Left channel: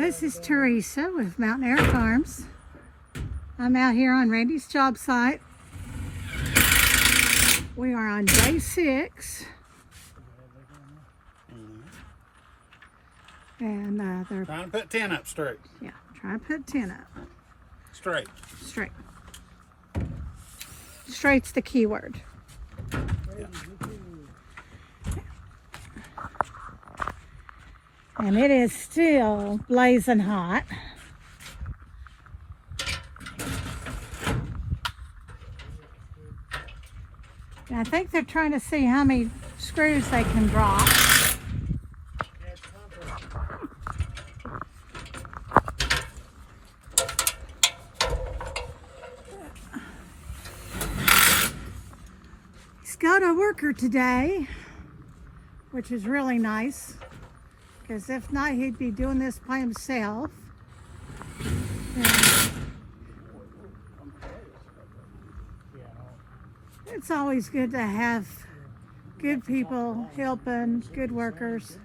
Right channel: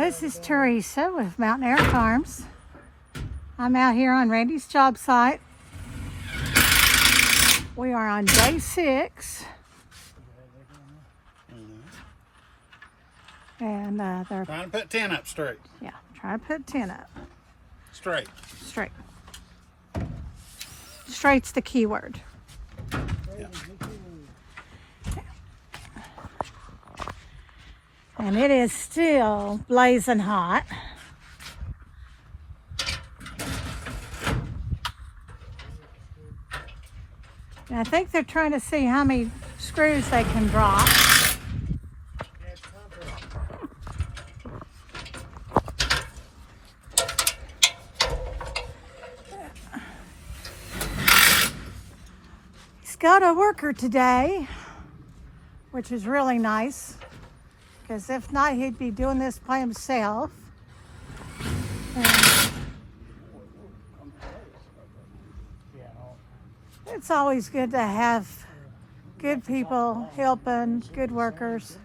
This is Teresa with Mountain Air Farms. I'm out here on Randy's job site. We are on day 6. And they're trying to put 10 up straight. Yeah, trying to put 10 up. Straight. Straight. Straight's the key word. Yeah. And it is still blazing hot. And I think they're trying to see how many screws they can drop. He's got a worker today, which is really nice. Because if not, he'd be doing this by himself. It's always good to have good people helping, good workers.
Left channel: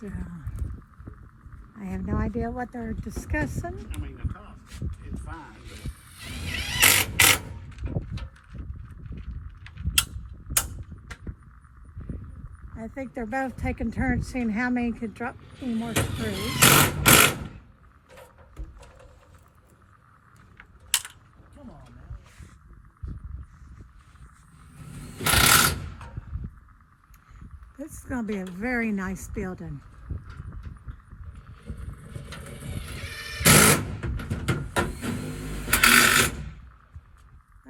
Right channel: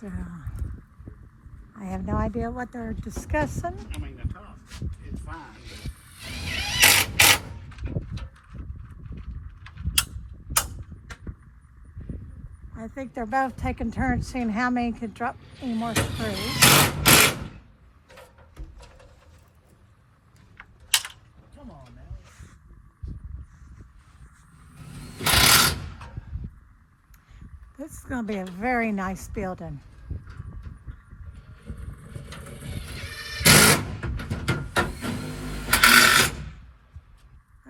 So, I have no idea what they're discussing. I mean, the top, it's fine. I think they're both taking turns seeing how many could drop any more screws. Come on now. This is going to be a very nice building. They're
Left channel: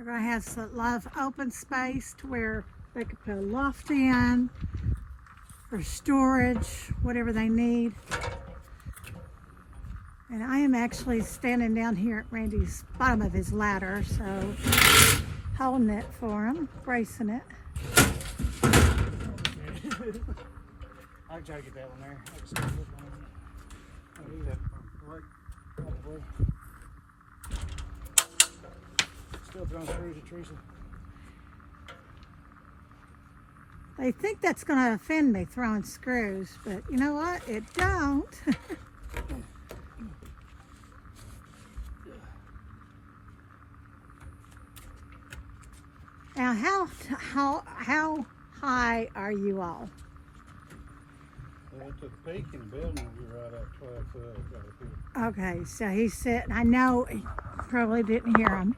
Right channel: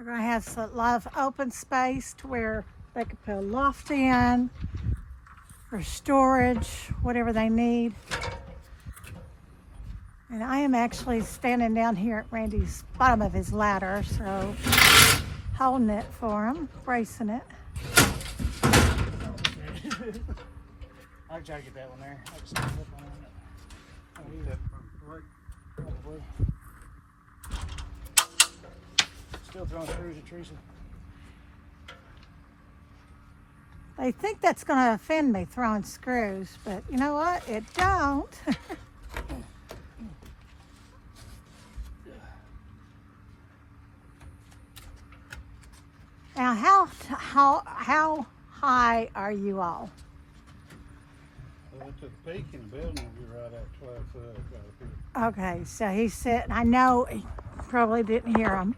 going to have a lot of open space to where they could put a loft in, for storage, whatever they need. And I am actually standing down here at Randy's bottom of his ladder, so holding it for him, bracing it. I'll try to get that one there. I just can't flip on it. Probably. Still throwing screws at Teresa. They think that's going to offend me throwing screws, but you know what? It don't. Now, how high are you all? Well, at the peak in the building, we're right at 12 foot. Okay, so he said, I know he probably didn't hear him.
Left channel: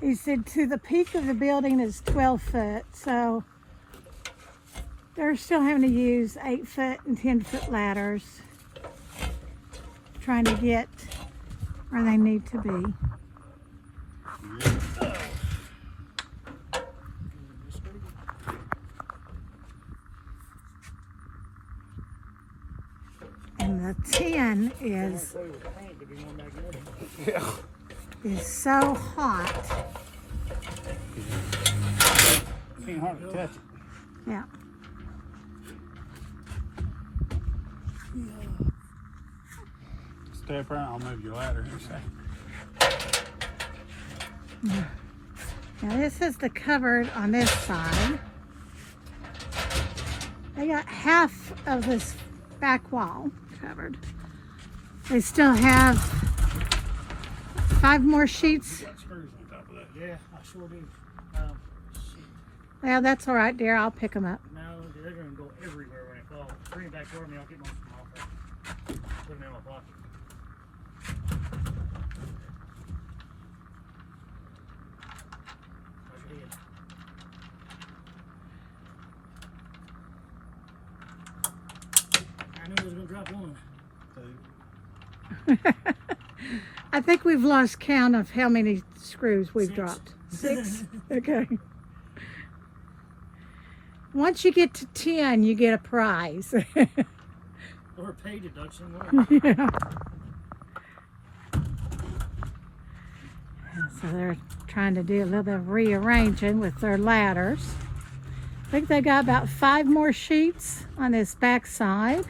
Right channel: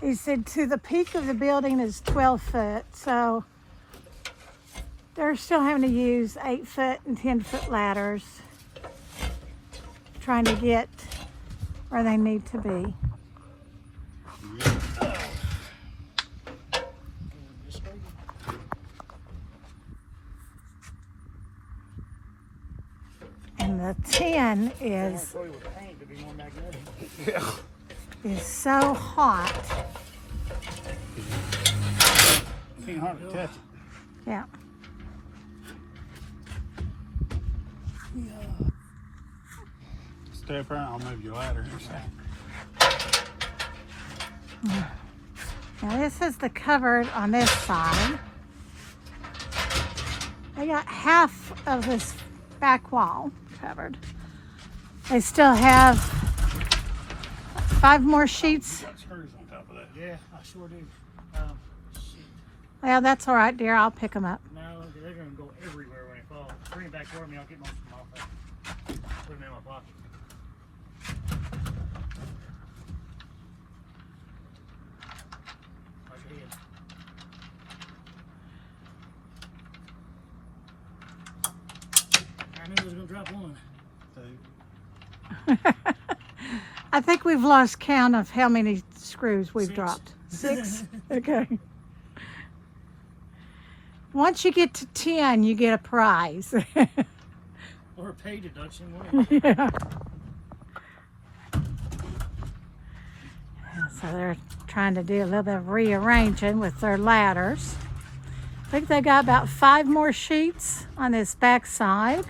He said to the peak of the building is 12 foot, so they're still having to use 8-foot and 10-foot ladders, trying to get where they need to be. And the 10 is so hot. Can't hardly touch it. Yeah. Step right, I'll move your ladder. Now this is the cupboard on this side. They got half of this back wall covered. They still have 5 more sheets. Got screws on top of that. Yeah, I sure do. Well, that's all right, dear. I'll pick them up. No, they're going to go everywhere when it falls. Bring it back for me. I'll get most of them off. Put them in my pocket. Watch your head. I knew I was going to drop one. I think we've lost count of how many screws we've dropped. 6? Okay. Once you get to 10, you get a prize. Or a pay deduction. Yeah. So they're trying to do a little bit of rearranging with their ladders. I think they got about 5 more sheets on this back side.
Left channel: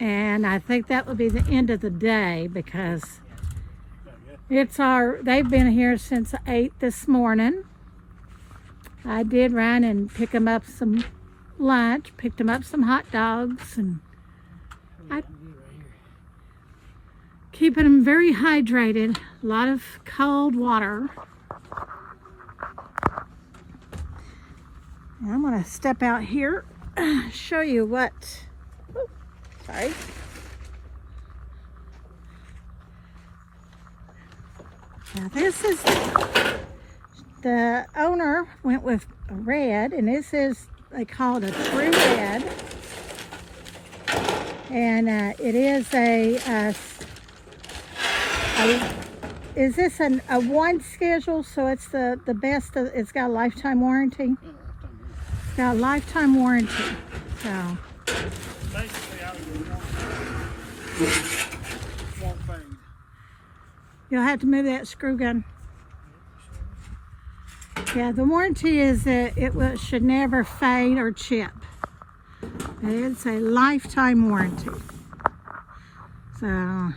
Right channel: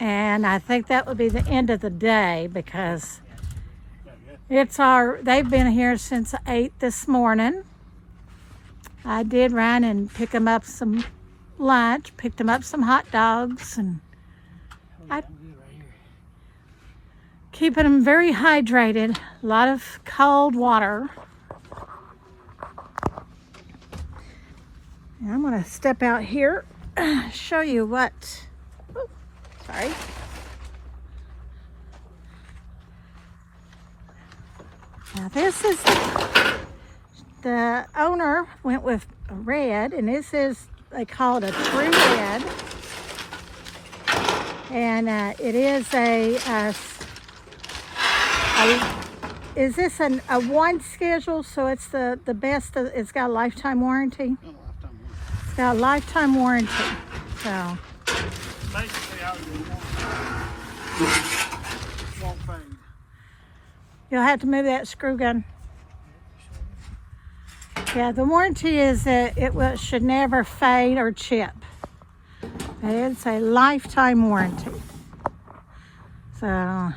And I think that would be the end of the day because They've been here since 8 this morning. I did run and pick them up some lunch, picked them up some hot dogs, and keeping them very hydrated. A lot of cold water. I'm gonna step out here, show you what. Oh, sorry. Now this is the owner went with red, and this is, they call it a true red. And it is is this a one schedule? So it's the best, it's got a lifetime warranty? It's got a lifetime warranty, so. Basically, all you won't fade. You'll have to move that screw gun. Yeah, the warranty is that should never fade or chip. It's a lifetime warranty. So.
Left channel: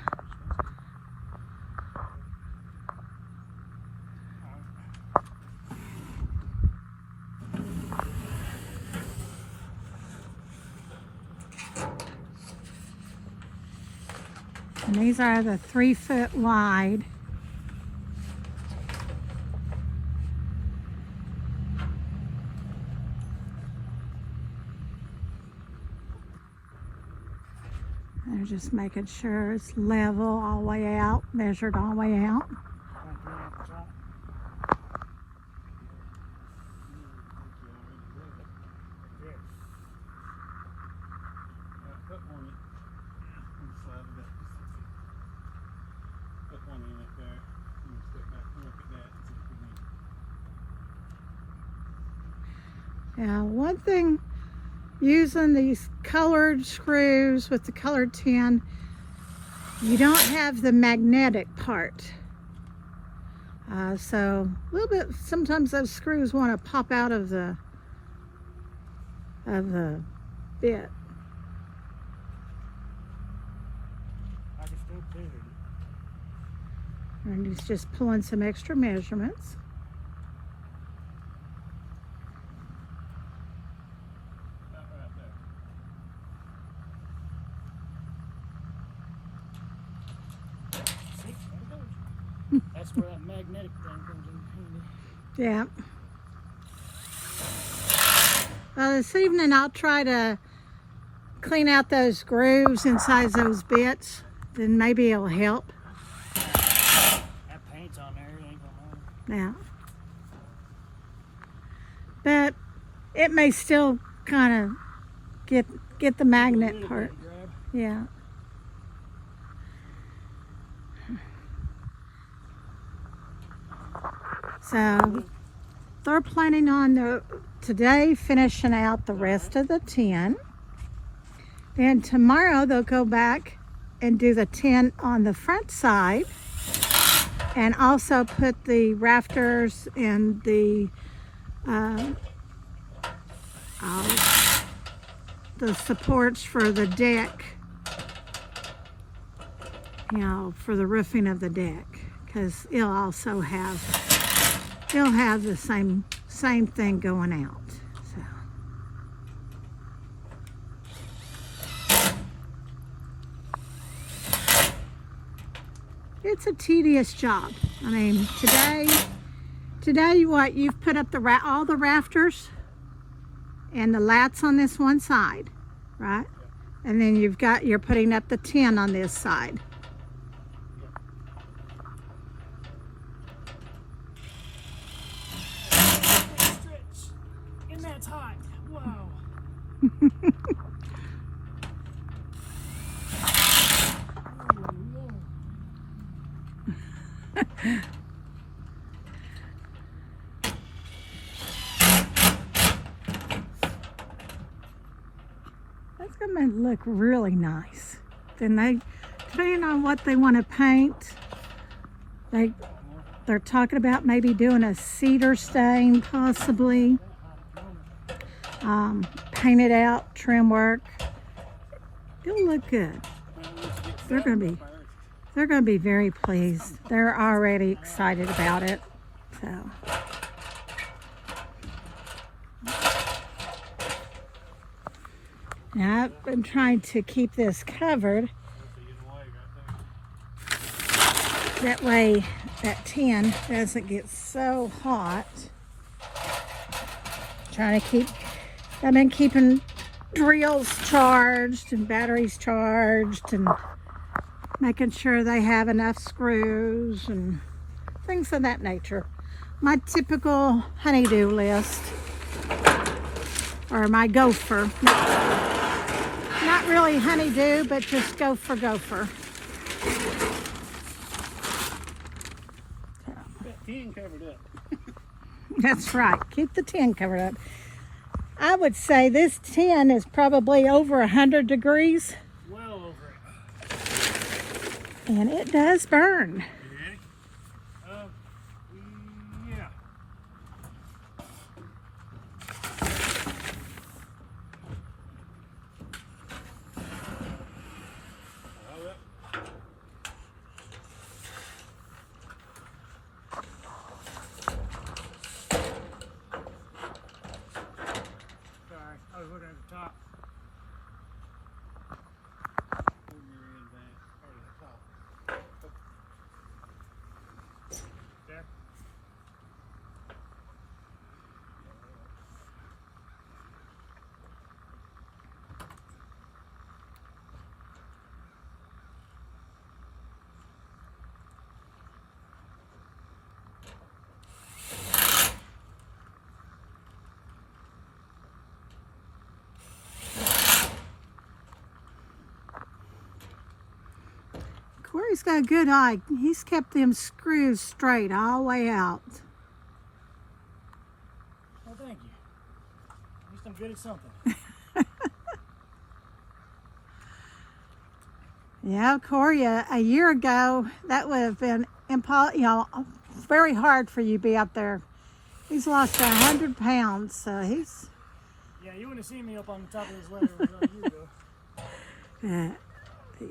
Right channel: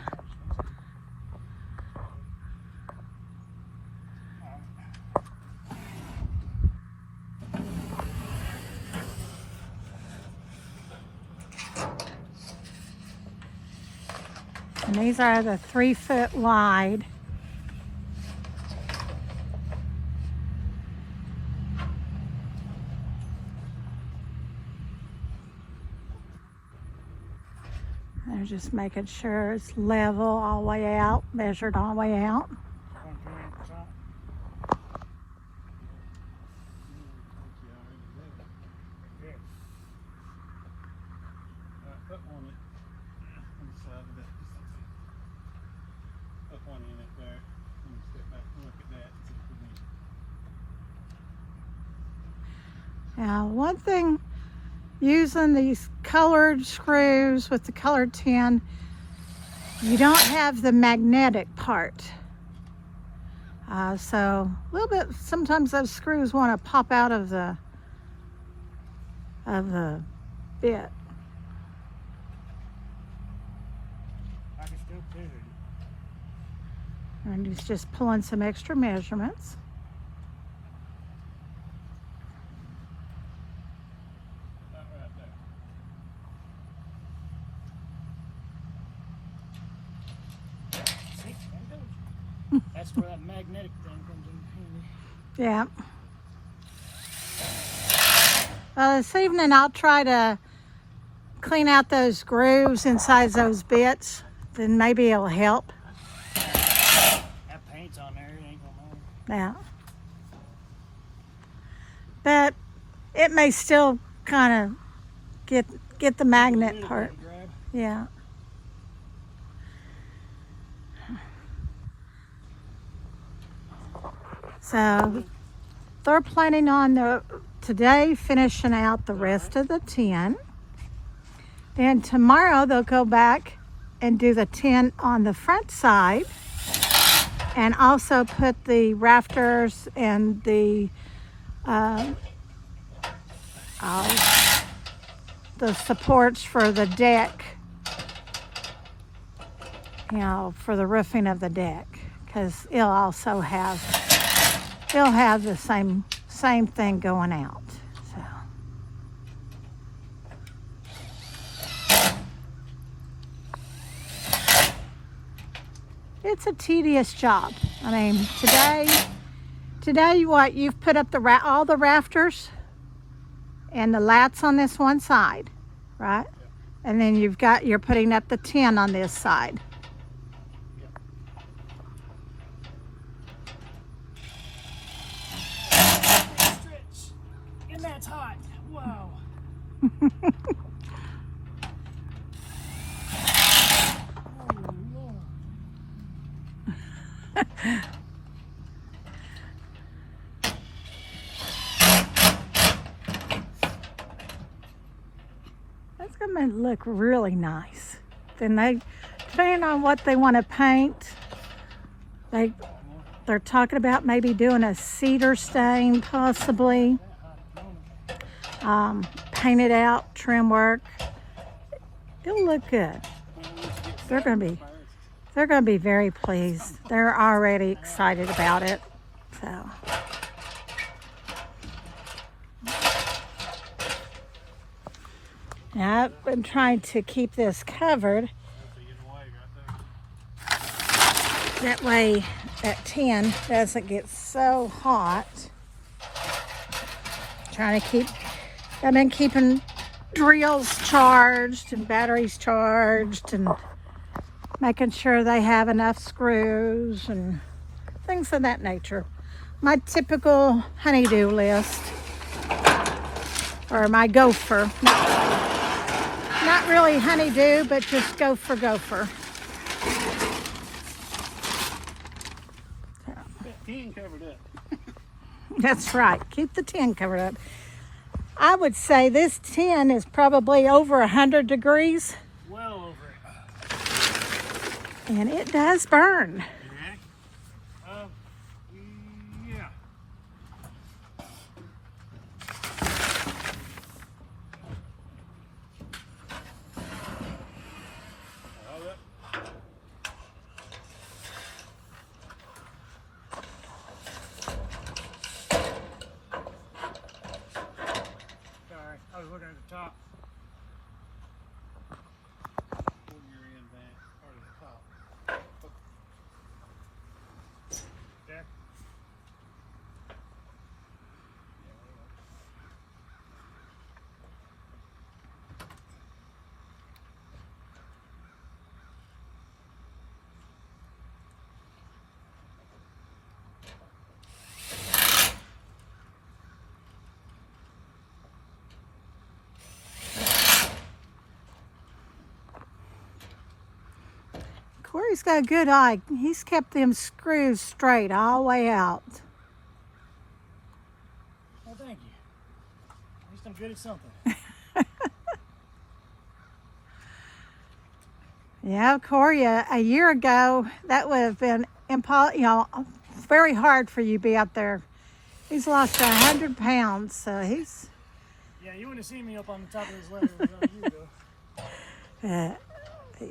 And these are the 3 foot wide. They're just making sure it's level all the way out, measured all the way out. Put one on the side of that. Put one in it there. And step back and look at that. See if we need. Now, one thing, using these colored screws with the colored tin, you don't have the magnetic part. So a little bit, sometimes those screws want to pop out of the bit. I can still clear it. And he's just pulling some extra measurements. About right there. See? There it goes. That's where that magnetic thing comes in. Yeah. Well, this evening I'll try to clean out those grooves inside those bits. Then maybe it'll help. That paint's on there. It ain't gonna matter. Yeah. But it may still kind of get the magnet part. Grab. Yeah. So they're planning on today finishing out the rest of the tin. Then tomorrow they'll go back and do the tin on the front side, and also put the rafters and the supports for the deck, you know, for the roofing of the deck, because it'll also have, they'll have the same thing going out. It's a tedious job. I mean, today what, you've put up all the rafters and the lats on this one side, right? And then you're putting up the tin on this side. And that's hot. Wow. That's gonna look really nice. Then depending on what they want to paint, they're talking about maybe doing a cedar stain, possibly. Painted out, trim work. It'll look good. They're gonna be They're going to be very pleased. They're already excited about it. So. Now, I've been trying to keep this covered. That way that tin doesn't get so hot. Trying to keep, I've been keeping drills charged and batteries charged and making sure they have enough screws and things of that nature. My typical honeydew list, or my gopher. Not really honeydew, but just gopher. Tin covered up. That's right. Keep the tin covered up. I would say this tin is probably over 100 degrees. Well over it. And it does burn. Yeah. Sorry, I was looking at the top. Pull your end back, part of the top. There. Corey's got a good eye. He's kept them screws straight all the way out. Oh, thank you. At least I'm good at something. Yeah, Corey, a year ago, that would have been very hard for you to be up there. He's lost 100 pounds, so he's... Yeah, you wouldn't have seen me up on the top of this ladder a year ago.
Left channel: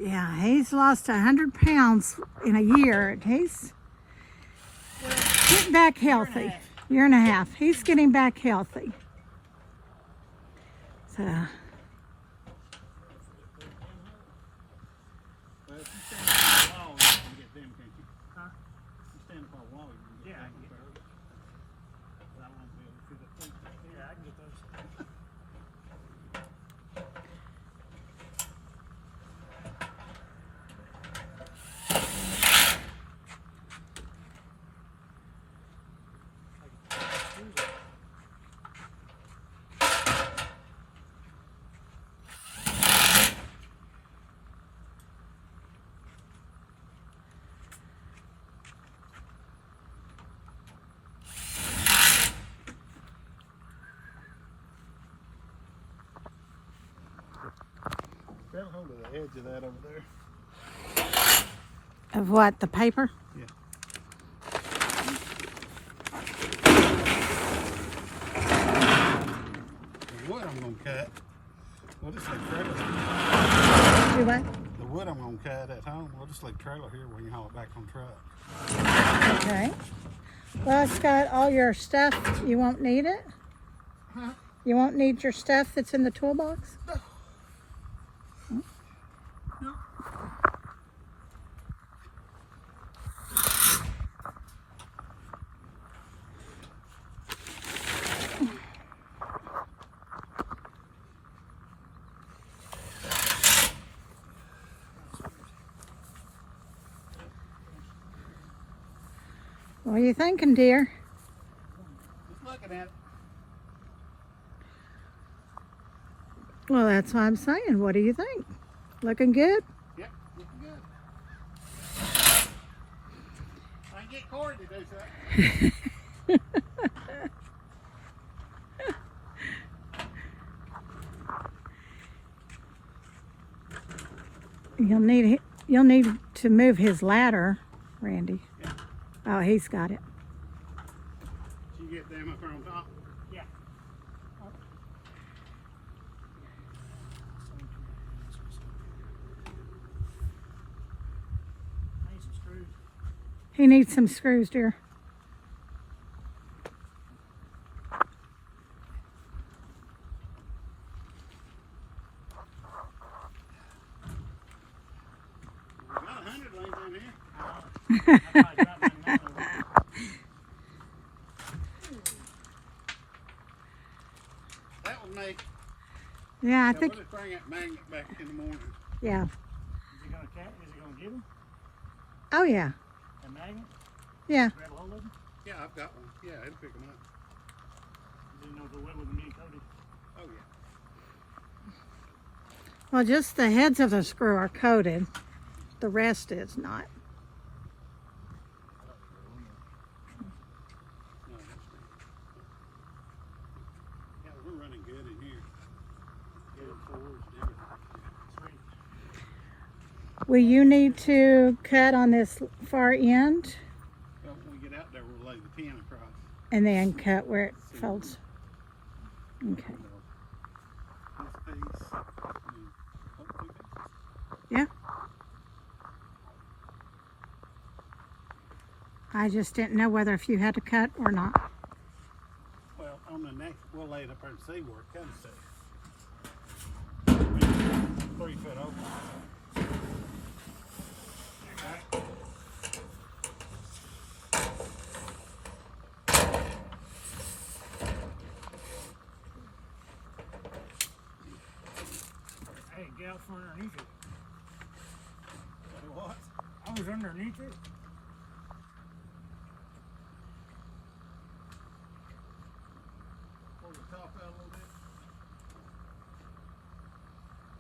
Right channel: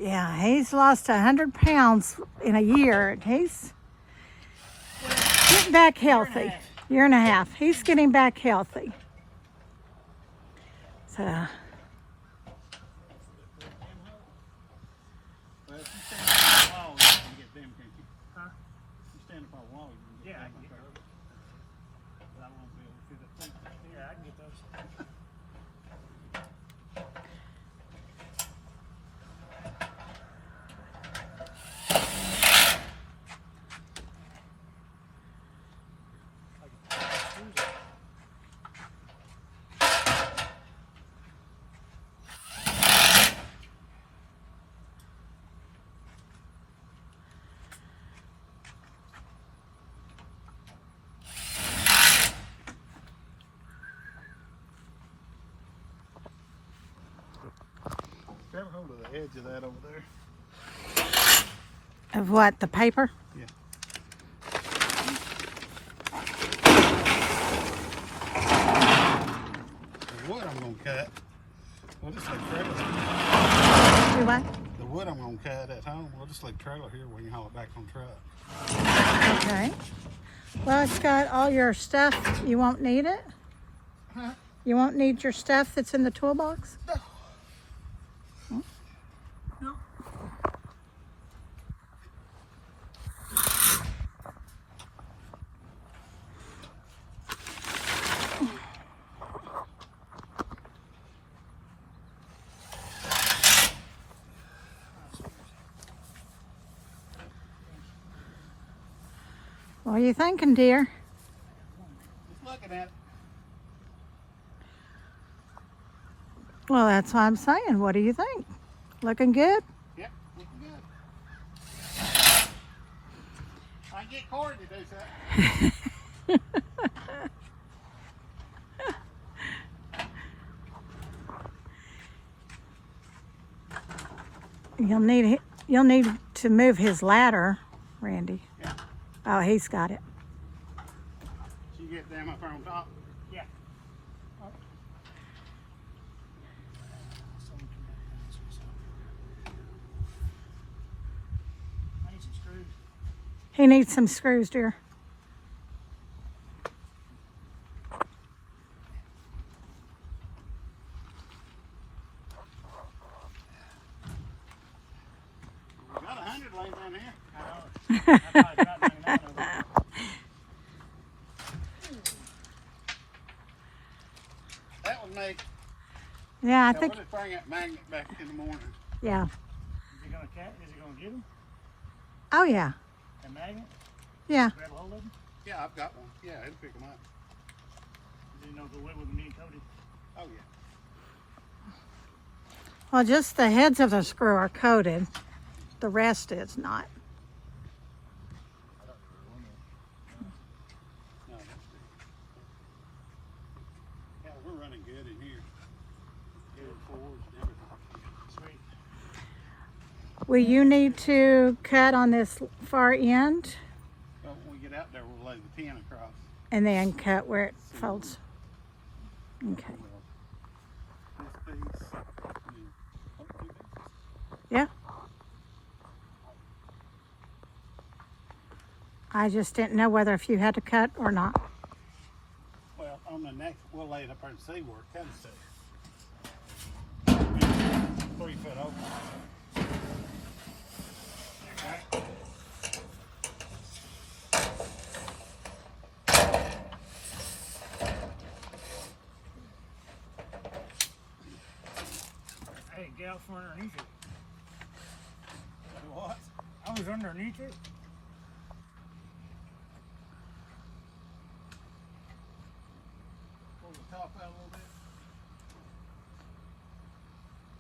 Yeah, he's lost 100 pounds in a year. He's getting back healthy. Year and a half. He's getting back healthy. So, Well, if you stand up on a wall, you can get them, can't you? Huh? If you stand up on a wall, you can get Yeah, I them. can get those. But I won't be able to see the thing. Yeah, I can get those. Grab hold of the edge of that over there. of what, the paper? Yeah. The wood I'm gonna cut. We'll just like trailer. Do what? The wood I'm gonna cut at home, we'll just like trailer here. We can haul it back on truck. All right. Well, it's got all your stuff. You won't need it? Huh? You won't need your stuff that's in the toolbox? No. What are you thinking, dear? Just looking at it. Well, that's what I'm saying. What do you think? Looking good? Yep, looking good. I can get Corey to do something. You'll need to move his ladder, Randy. Yeah. Oh, he's got it. You get them up there on top. Yeah. He needs some screws, dear. We got 100 laying down here. I know. I probably got 99 of them. That would make. Yeah, I Now, think, we'll just bring that magnet back in the morning. yeah. Is he gonna give them Oh, yeah. a magnet? Yeah. Grab a hold of them? Yeah, I've got one. Yeah, it'll pick them up. Didn't know if the wood would need coated. Oh, yeah. Well, just the heads of the screw are coated. The rest is not. No, that's it. Yeah, we're running good in here. Doing forwards and everything. Sweet. Will you need to cut on this far end Well, when we get out there, we'll lay the pin across. and then cut where it folds? Okay. This piece. Yeah. I just didn't know whether if you had to cut or not. Well, on the neck, we'll lay it up there and see where it comes to. 3 foot open. Hey, get out from underneath it. What? I was underneath it. Pull the top out a little bit.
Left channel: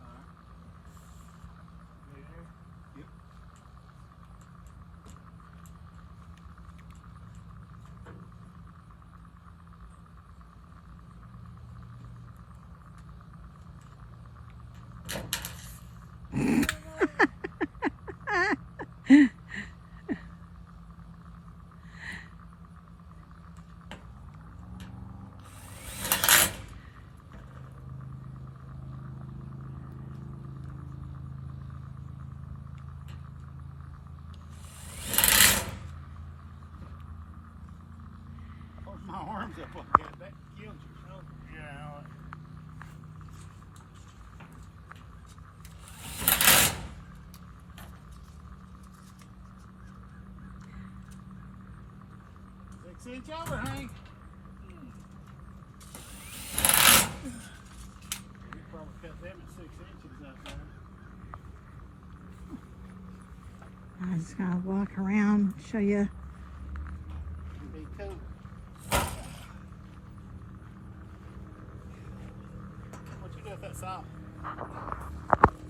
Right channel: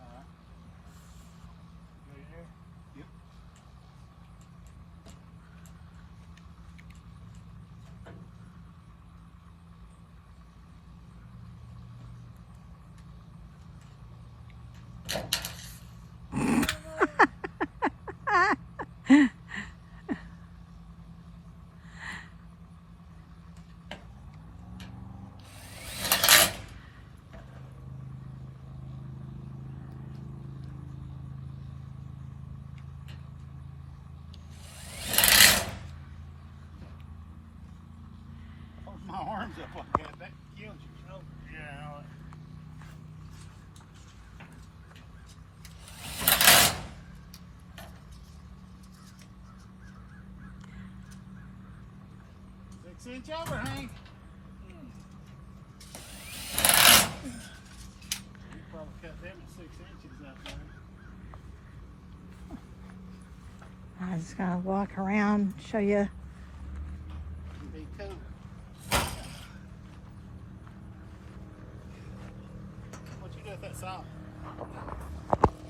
Alright. There. Yep. Hold my arms up like that. That kills you. Oh, yeah. Six-inch overhang. You probably cut them at 6 inches out there. I'm just gonna walk around, show you. It'd be cool. What'd you do with that salt?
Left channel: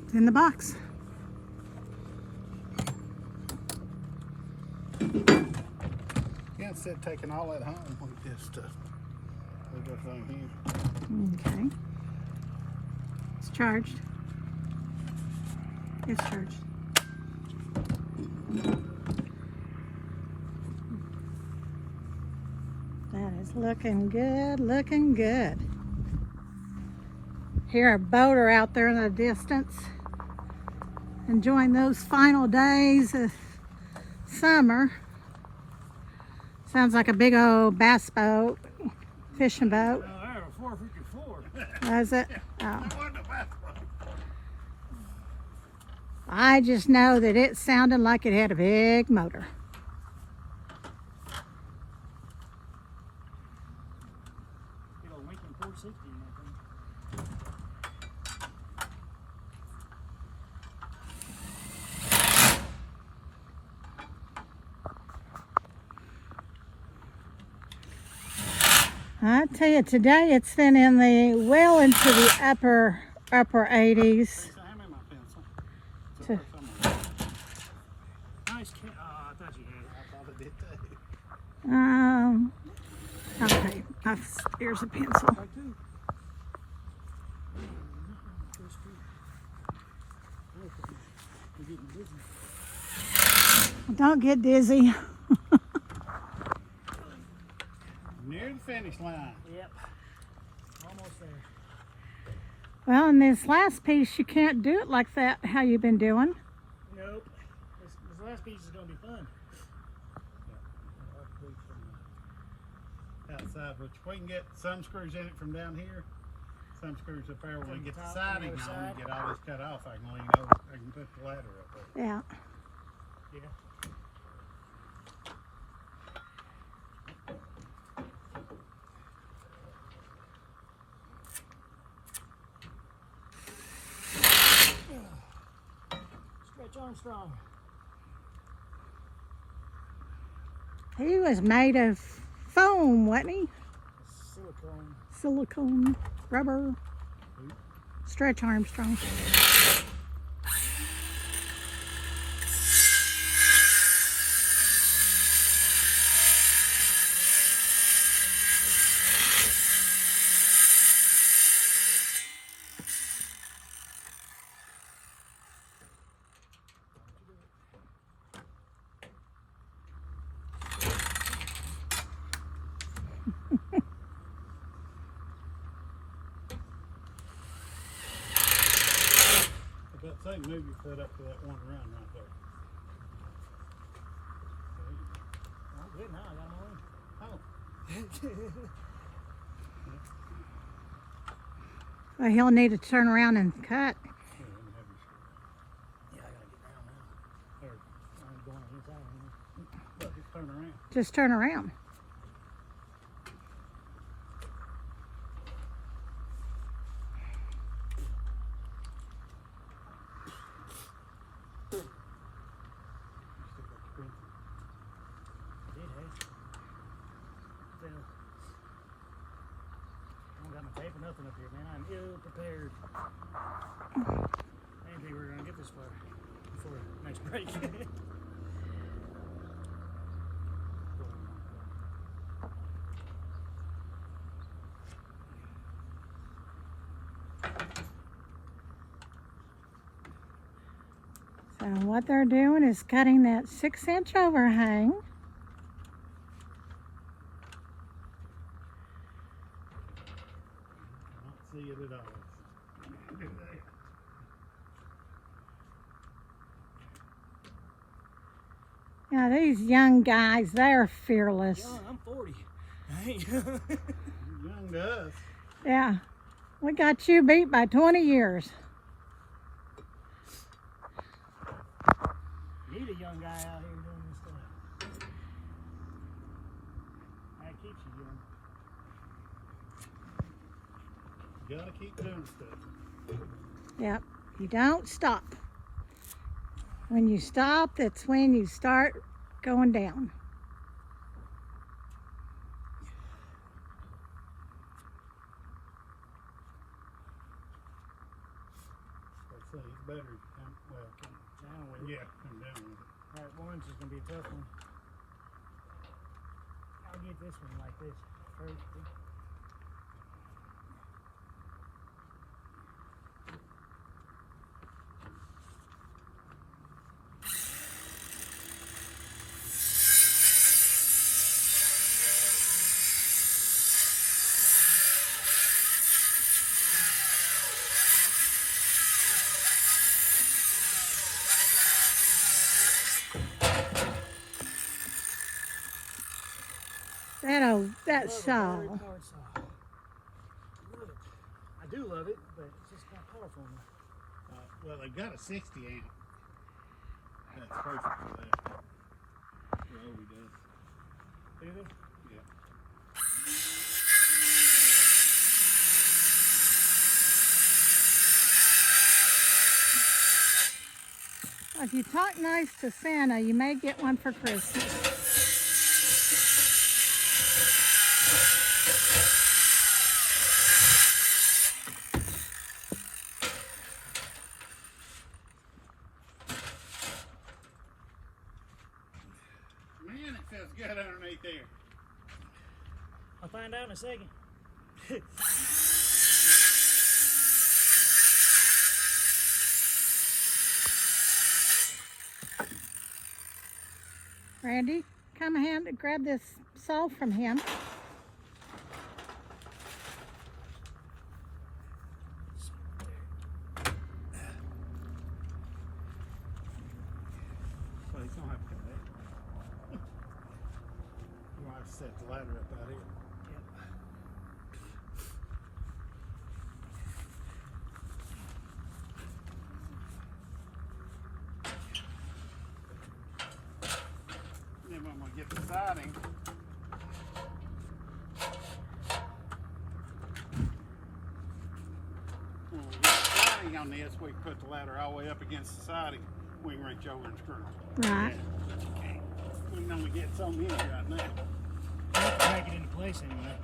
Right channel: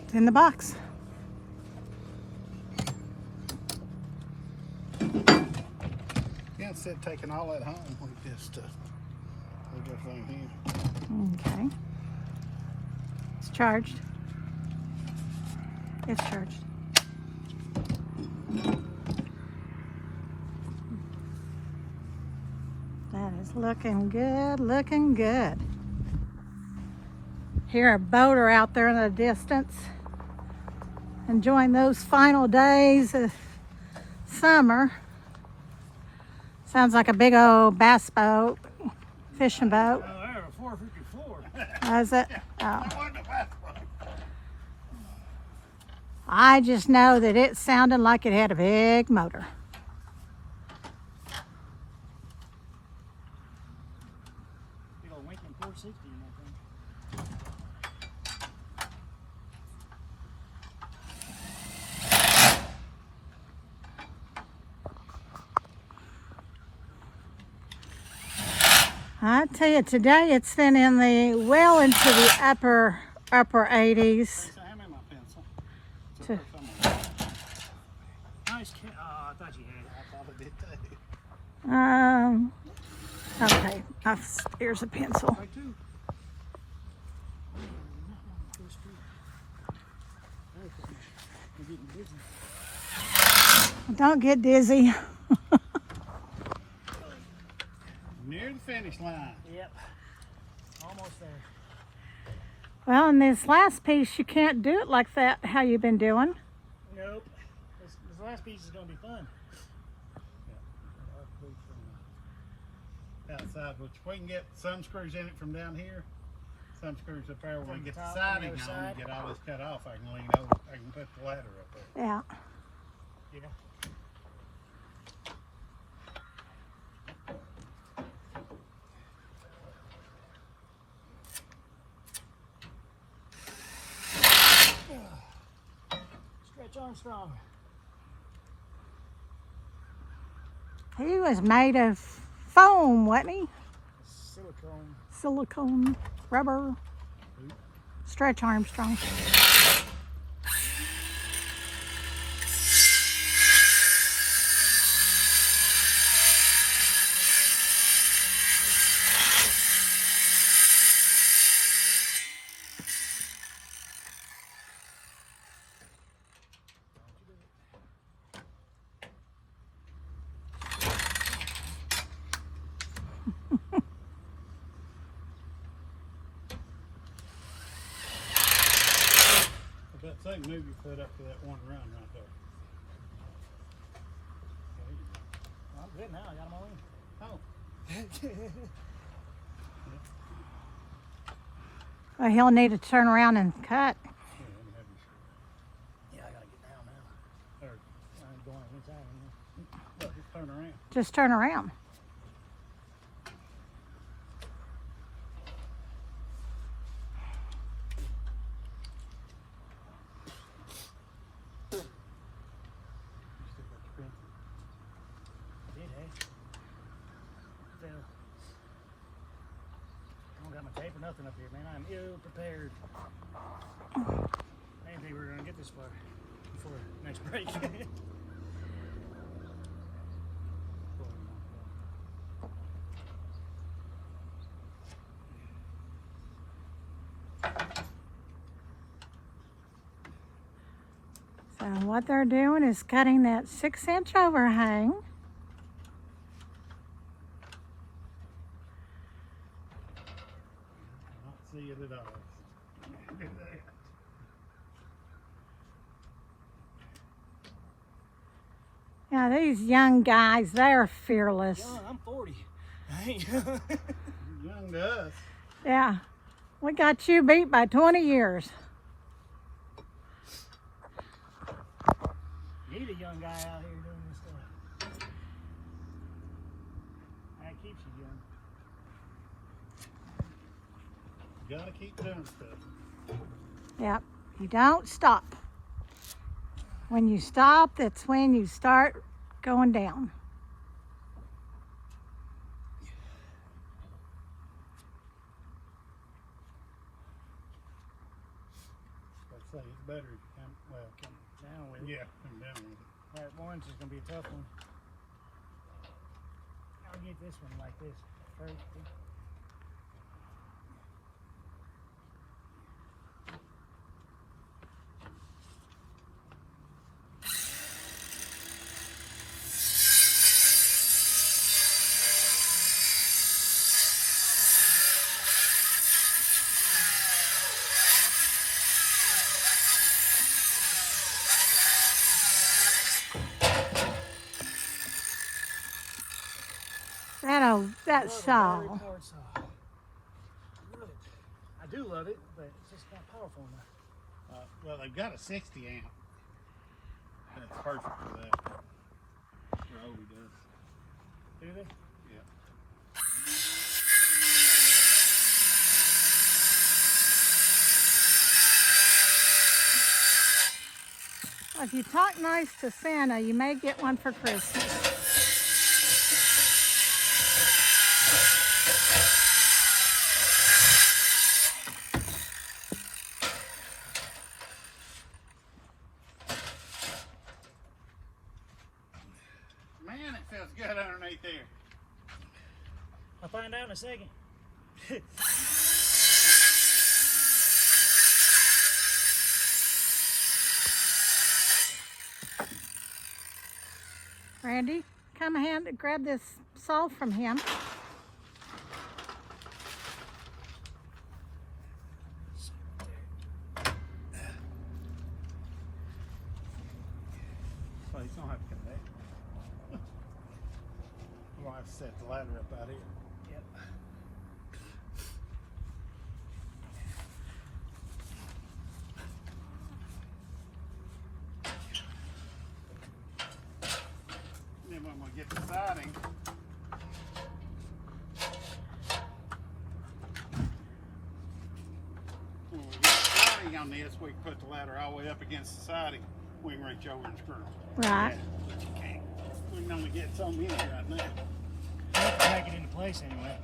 It's in the box. Yeah, instead of taking all that home, we just leave everything here. Okay. It's charged. It's charged. That is looking good, looking good. Hear a boater out there in the distance, enjoying those final days of summer. Sounds like a big old bass boat, fishing boat. Oh, there, 454. Is it? Oh. I just know that it sounded like it had a big motor. Big old Lincoln 460 in that thing. I tell you, today it's been in the well into the upper 80s. Lisa, hand me my pencil. It's up there somewhere. Nice cat. Oh, I thought you had it. I thought I did too. Okay, here's a pencil. Right too. We're getting busy. Don't get dizzy. Near the finish line. Yep. Almost there. Well, in this last piece, you can't do it like that, how you've been doing. Nope. This last piece is going to be fun. tweak from the outside, which we can get some screws in it from down here. Some screws up there. When we From get the the top, siding on the on other and side. get all this cut off, I can lean over. I can put the ladder up there. Yeah. Yeah. Stretch Armstrong. He was made of foam, wasn't he? Silicone. Silicone, rubber. Stretch Armstrong. But say move your foot up to that one run right there. I'm good now. I got them all in. Oh, Well, he'll need to turn around and cut. Yeah, I gotta get down now. there. I'm going on inside anymore. Look, just turn around. Just turn around. I did, hey. Fell. I don't got my tape or nothing up here, man. I'm ill prepared. I didn't think we were gonna get this far before next break. So what they're doing is cutting that 6-inch overhang. I don't see it at all. Now these young guys, they're fearless. Young, I'm 40. I ain't You're young to us. Yeah, we got you beat by 20 years. Need a young guy out here doing this stuff. That keeps you young. Gotta keep doing stuff. Yep, you don't stop. When you stop, that's when you start going down. Like I say, it's better if you come, well, come, Down with it. yeah, come down with it. Right, one's just gonna be a tough one. I'll get this one like this first. That Love a saw. battery powered saw. Love it. I do love it, but it's just not powerful enough. Well, they've got a 60 amp. That's perfect for that. Roby does. Do they? Yeah. If you talk nice to Santa, you may get one for Christmas. Man, it feels good underneath there. I'll find out in a second. Randy, come hand grab this saw from him. Well, he's gonna have to cut that. We'll have to set the ladder up out here. Yep. And then when we get the siding, when we get the siding on this, we put the ladder all the way up against the siding. We can reach over and screw. Right. We can only get some in here right now. Have to make it into place anyway.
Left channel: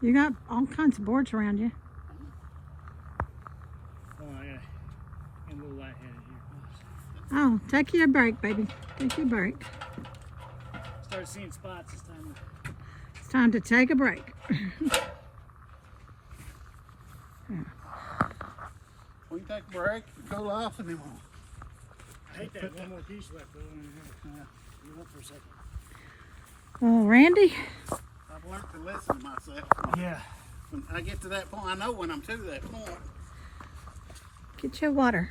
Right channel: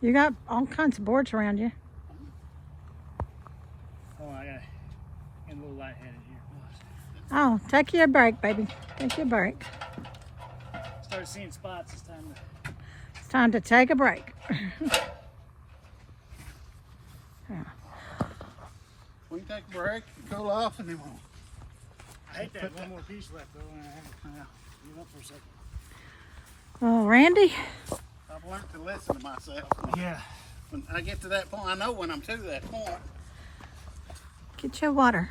You got all kinds of boards around you. Oh, I gotta get a little lightheaded here. Oh, take you a break, baby. Take you a break. Start seeing spots. It's time to. It's time to take a break. We can take a break, cool off, and then we'll. I hate that one more piece left though, and I have to kind of give up for a second. Well, Randy, I've learned to listen to myself. Yeah. When I get to that point, I know when I'm to that point. get your water.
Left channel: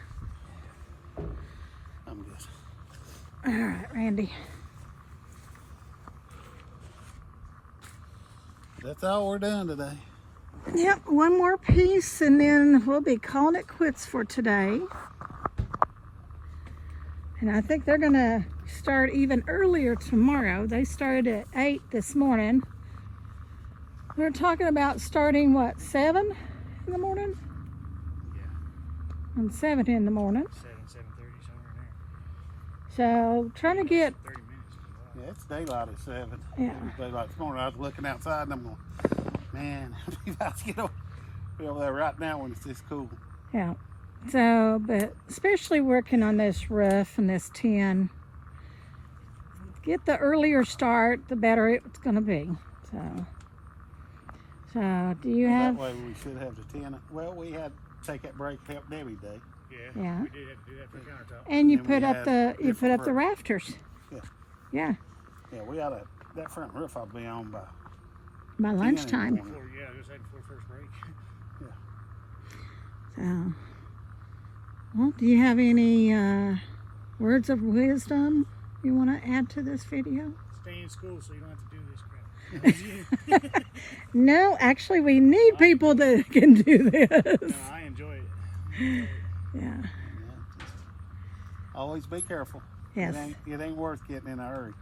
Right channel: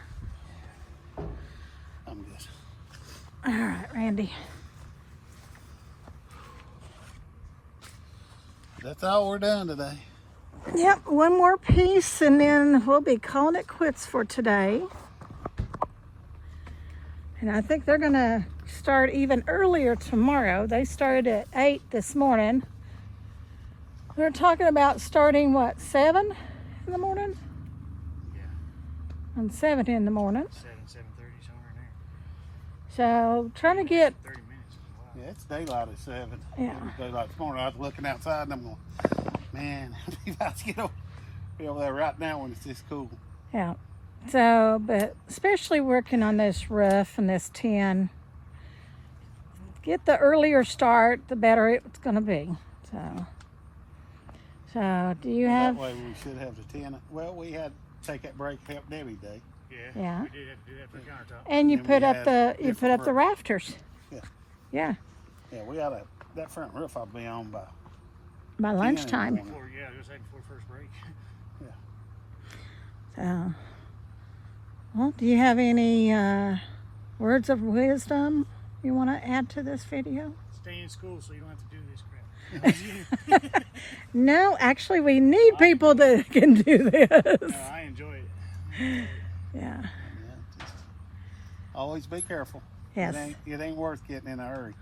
I'm good. All right, Randy. That's all we're doing today. Yep, one more piece and then we'll be calling it quits for today. And I think they're gonna start even earlier tomorrow. They started at 8 this morning. They're talking about starting, what, 7 in the morning? Yeah. And 7 in the morning. 7:30 somewhere in there. So trying to get, 30 minutes is a while. Yeah, it's daylight at 7. Yeah. It was daylight this morning. I was looking outside and I'm going, man, we about to get over there right now when it's this cool. yeah. So, but especially working on this roof and this tin, get the earlier start, the better it's gonna be. So do you Well, have? that way we should have the 10. Well, we had to take that break to help Debbie today. Yeah. Yeah. We did have to do that for countertop. And you And put we up had the different roofs. rafters. Yeah. Yeah. Yeah, we ought to, that front roof ought to be on by. By lunchtime. morning. Before, yeah, I was gonna say before first break. So, well, do you have any words of wisdom you want to add to this video? Stay in school so you don't have to do this crap. No, actually, we need people that can do this. No, I enjoy it. Yeah. Yeah, just always be careful. Yes. It ain't worth getting in a hurry.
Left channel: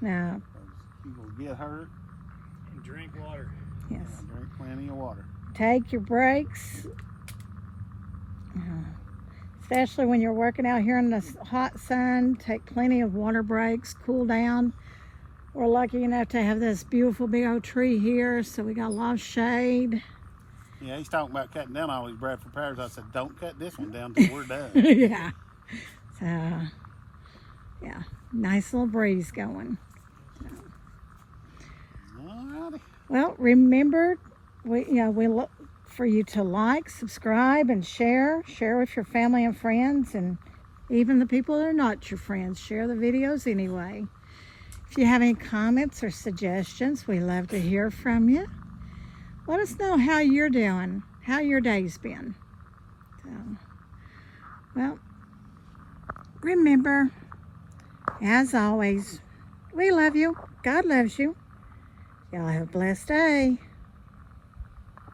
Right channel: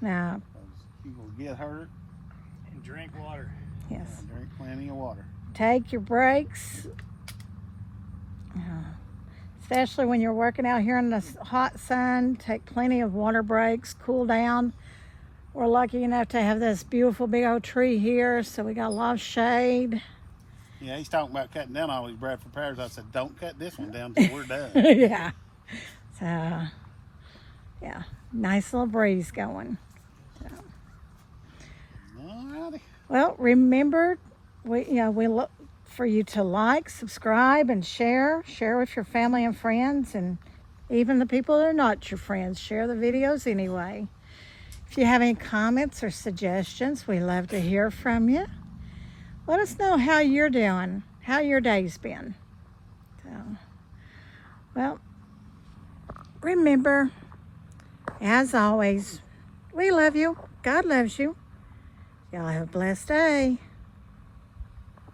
Now, 'Cause you will get hurt And drink water. yes. and drink plenty of water. Take your breaks. Especially when you're working out here in the hot sun, take plenty of water breaks, cool down. We're lucky enough to have this beautiful big old tree here, so we got a lot of shade. Yeah, he's talking about cutting down all these Bradford pears. I said, don't cut this one down till we're done. Yeah. So, yeah, nice little breeze going. Alrighty. Well, remember, we look for you to like, subscribe, and share. Share with your family and friends, and even the people that are not your friends. Share the videos anyway. If you have any comments or suggestions, we love to hear from you. Let us know how you're doing, how your day's been. So, well, remember, as always, we love you. God loves you. Y'all have a blessed day.